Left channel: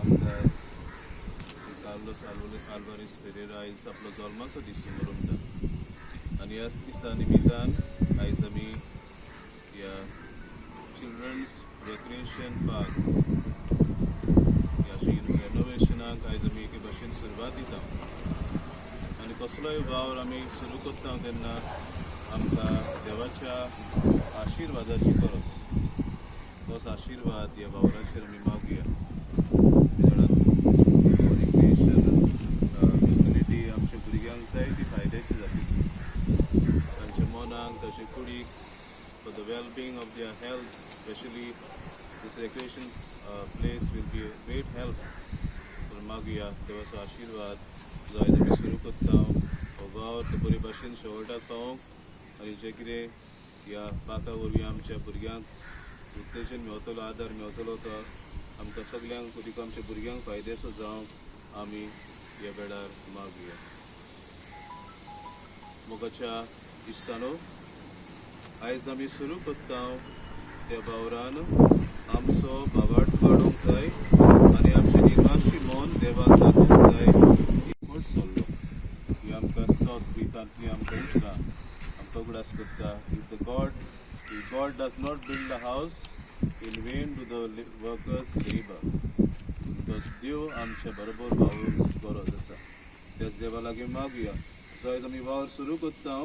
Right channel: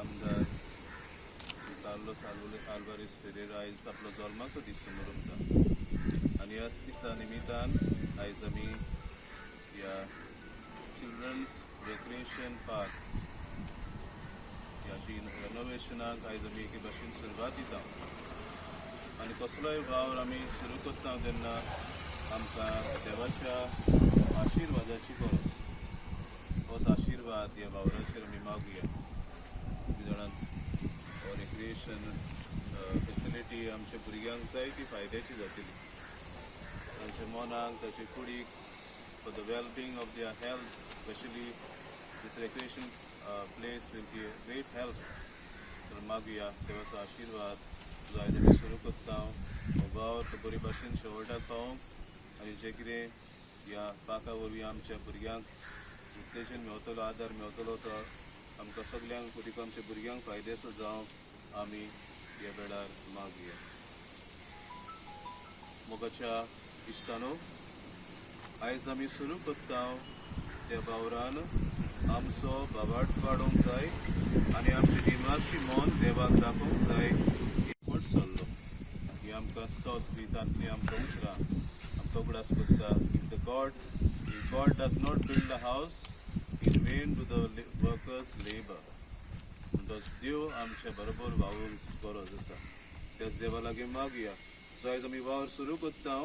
आमदार Carlos Alvarez Pereira आयज आपलो जल्माचो दीस मनयता आनी ह्याच दिसा निमित्तान आयज आमी ह्या चिल्ड्रन्स रेक्रिएशन पार्क ह्या रेनोवेशनाक आयज आमी एके भाशेन सुरवात दिता आनी कसलोय वावर आमी सुरू करता तेन्ना आमकां देवाच्या आशिर्वादाची गरज होच आशिर्वाद ह्या वावराचेर आमी मागुया फेसिलिटी आमच्या भुरग्यांक जायती फायद्याची जातली तांच्या मनाक तांचे कुडीक for the well being of their health specially this recreation place will be a great help तर मागुया देवाचो आशिर्वाद जो आयज आमी सुरू करता हो वावर तो बरे भाशेन शेवटाक पावोंक आनी जे कितें ह्या पाका वरवीं आमच्या भुरग्यांक उत्तेजन मेळटलो आदार मेळटलो तो आमकां सगल्यांक कुडीक आमच्या भुरग्यांक फायद्याचो जावंक आमी ह्या वेळार मागुया. मोगाच्या इश्टानो, आयज आमी सुरू करता त्या वावरान आमचो बाबाट वाडोवंक जाय आनी आमचें निर्वाशी मन देवाक दाखोवंक जाय एकवट चल्लो ही आमकां स्तोत गितांतलीं आमकां उतरां आमकां उगडास करता. If God does not build a house, in vain do the workers labor. म्हणटच देव आमच्या बरोबर वावरूंक गरज आसा. त्याच देवा लागीं मागुया जो आयज आमी वावर सुरू करता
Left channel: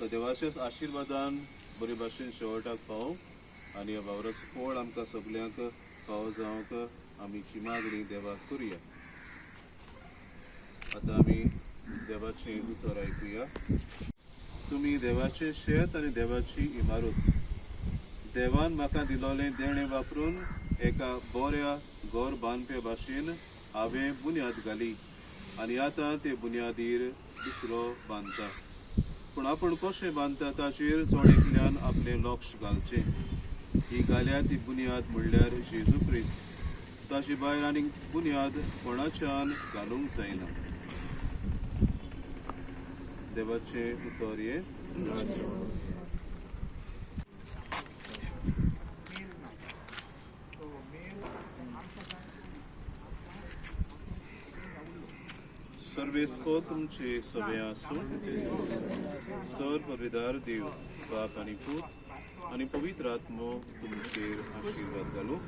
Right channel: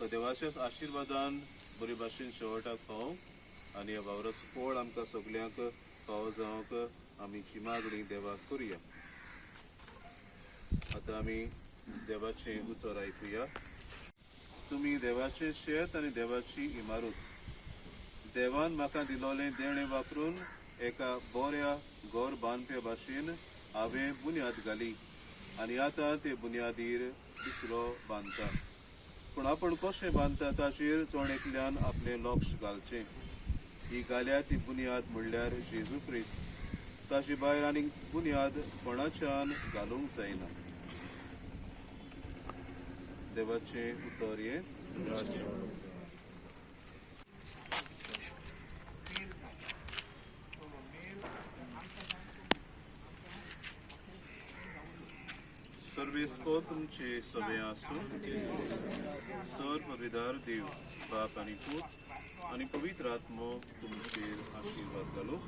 तो देवाच्याच आशिर्वादान बरे भाशेन शेवटाक पावोंक आनी ह्या वावराचो फळ आमकां सगल्यांक फावो जावंक आमीची मागणी देवाक करुया. आतां आमी देवाचें उतर आयकुया. तुमी देवाचें शेत आनी देवाची इमारत देवान म्हाका दिलोलें देणें वापरून एका बऱ्या घर बांदपे भाशेन हांवें बुन्याद घाली आनी आतां ते बुन्यादीर दुसरो बांदता. पूण आपूण कशें बांदता ताचेर चोडेकल्यान आपलें लक्ष घालचें. ही घाल्या ती बुन्याद म्हणल्यार जेजू क्रिस्त. ताचे भायर आनीक बुन्याद कोणाच्यान घालूंक जायना. देवाचें उतर हें. सर्वेस्पो तुमचे सवे आसूं. सर पवित्र देव बाप आनी पूत आनी पवित्र आत्मो तुमचेर आशिर्वाद घालूं.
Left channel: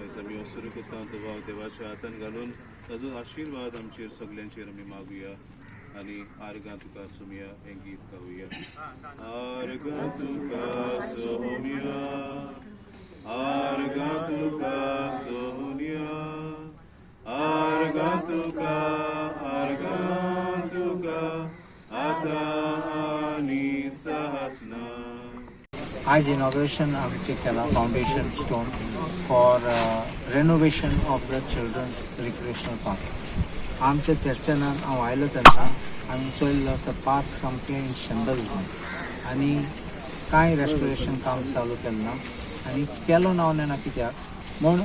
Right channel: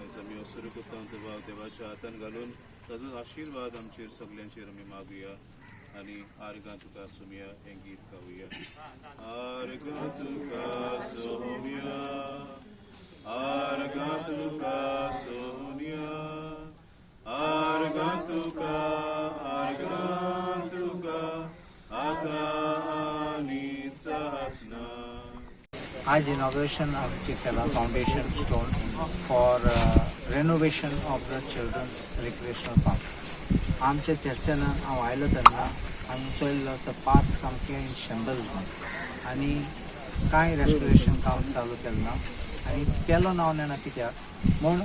आयज आमी हो सुरू करता तो वाव देवाच्या हातान घालून ताजो आशिर्वाद आमचेर सगल्यांचेर आमी मागुया आनी आर्गां तुका सुमया हें गीत गावुया. आर्गां तुका सोमया आर्गां तुका सोनिया आर्गां तुका आता आनी सहस्ना. आज inauguration of Kerala Foundation Stone for renovation of the children's recreational park. आमच्या तेरसेनान हांव आयलो तेन्ना आमी चोयल्लो तो पार्क सामकें इन शेंबल्स म्हूण आनी कांय रेस्टोरेशन काम चालू केलें ना आनी केलो ना ना कित्याक म्हूण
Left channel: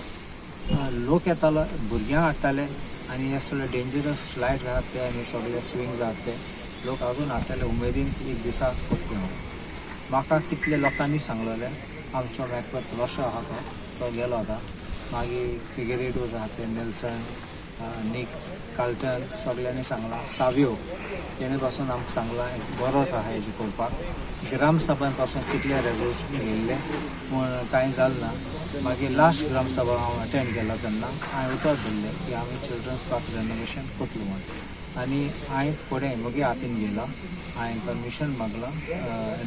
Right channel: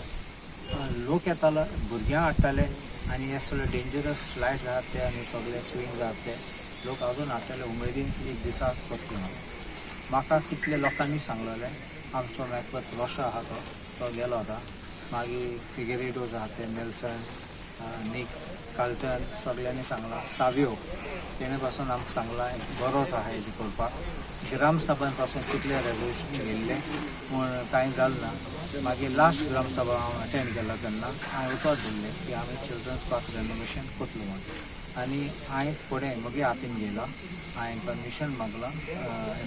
लोक येतालो भुरग्यांक हाडटाले आनी हे सगळे डेंजरस स्लायड्स आहात ते आनी सगळे स्विंग्स आहात ते लोक अजून हाडटाले उमेदीन एक दिसा करतले म्हणून. म्हाका कितले लोकांनी सांगलेलें आमचो मॅकबथ रोशो आहा तो गेलो आतां मागीर फिगरेडोज आहा ते नेल्सन नीक कार्ल्टन सगळ्यांनी सांगलां. सावियो तेणे पासून आमकां सांगलां एक बरोच आहा हेजे करपाक. ग्रामसभान पासून कितले रेजोल्युशन घेयल्ले म्हूण कांय जालें ना. मागीर लास्ट ग्रामसभा हांव अटेंड केलो तेन्ना हांवें उतर दिल्लें की आमी चिल्ड्रन्स पार्क रेनोवेशन करतलो म्हूण आनी हांवें फुडें म्हगे हातीन घेयला. हांवें परमिशन मागलां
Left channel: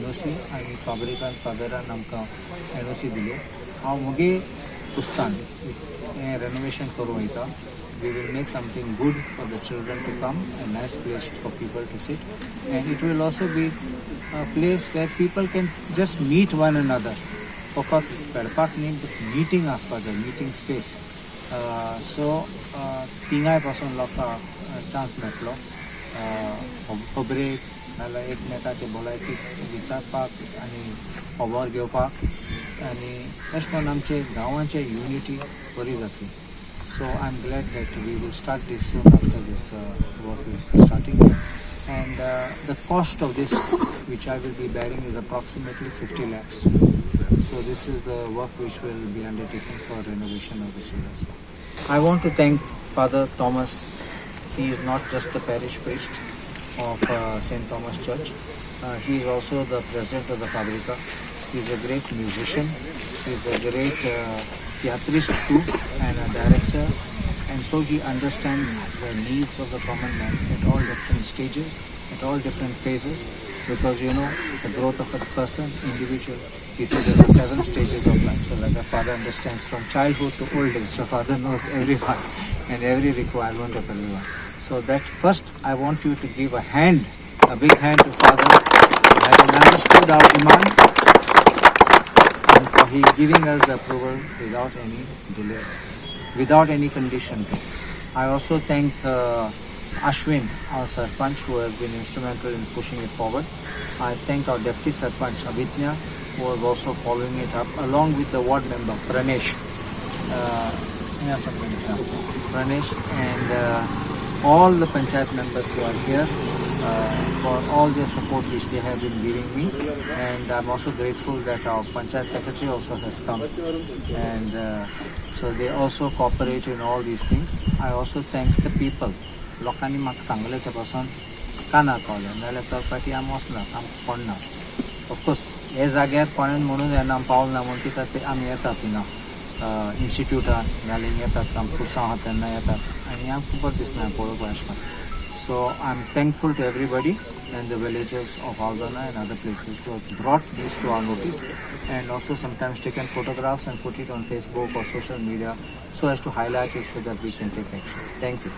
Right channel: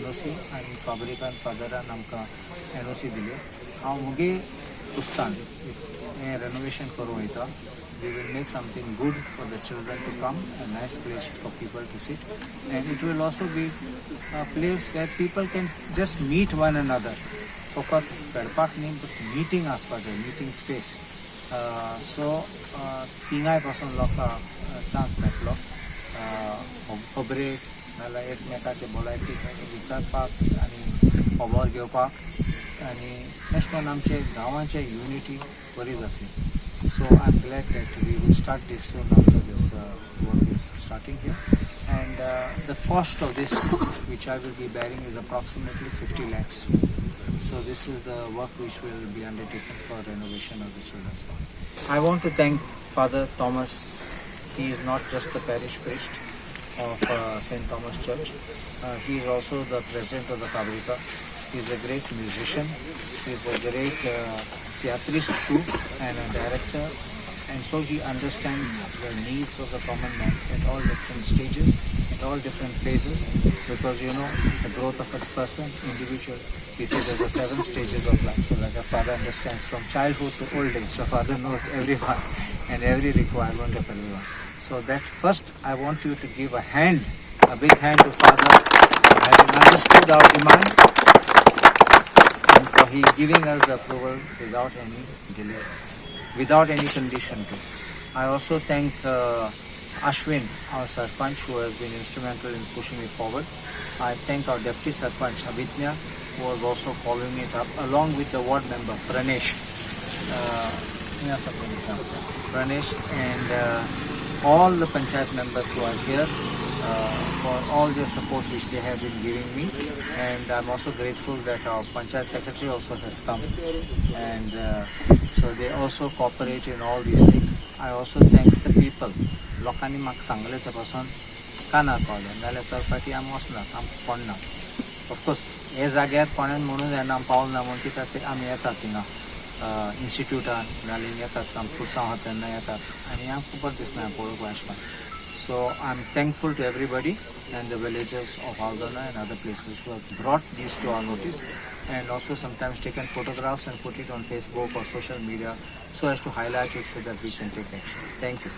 NOC आनी फाबरिकान फादरान आमकां NOC दिली. हांव म्हगे कुस्तान हें रेनोवेशन करूं वयता. We will make something good for the children to come, a nice place for people to sit, and it will also be a place where people can just meet one another. फकत फेडपाक न्ही but meeting आसपा जाय, meeting space. So तिंगाय पासून लोकांक chance मेळटलो खबरेक नाजाल्यार एकमेकाचे भलायकेक विचारपाक आनी खबर घेवपाक आनी अशें करून आमचे गांवांचे युनिटी बरी जातली. So I'm glad that we will start this soon after this work is starting here. and the cost of this, which I will be bearing, is approximately 50 lakhs. So this is the work which will be undertaken for renovation of the children's park. I want to thank Father Thomas. He is not just the parish priest of St. Thomas Church. He is also the president of the Fabrica. He is a great musician. He is a great theatrist too and a director. And so he understands the needs of the common man at all different stages, at all different phases, because you know the growth of a person, individual, he says there's the 7 stages of life. So like a father understands from childhood to old age. So father knows everyone and every requirement of everyone. So that first I want you to give a big hand to father, having understood our demand and for he giving us the approval without any delay, without any condition too. I also thank Ashwin, our Sarpanch, who has been instrumental in pushing it forward. I thank our Deputy Sarpanch, Abhitnya, who was also following it up, along with the ward member, Pranesh. Pranesh and all the Panchayat members who are here for all their support which they have been giving me. And I'm also grateful that our Panchayat Secretary also has come. And so they also cooperate in all these things. I also thank the people. लोकांनी म्हाका सांगलें ते पासून कानार पावलें नाल्यार करपाटी आमी वचनात आमकां पडना ऑफकोर्स हे जाग्यार कोणें म्हणून येना आमी पावल ना म्हणून कित्याक ते आमी येतात थिंगा इन्स्टिट्यूटान नाल्यार येतात आमकां पुरसां आहा तेन्ना येतात आनी आमकां बरें दिसना पळोवपाक अशें करून so I am thankful to everybody and the villagers of Aldana and other places who have brought these to our notice and also sometimes taken photographs and put it on Facebook or social media so as to highlight it so that we can take action. Thank you.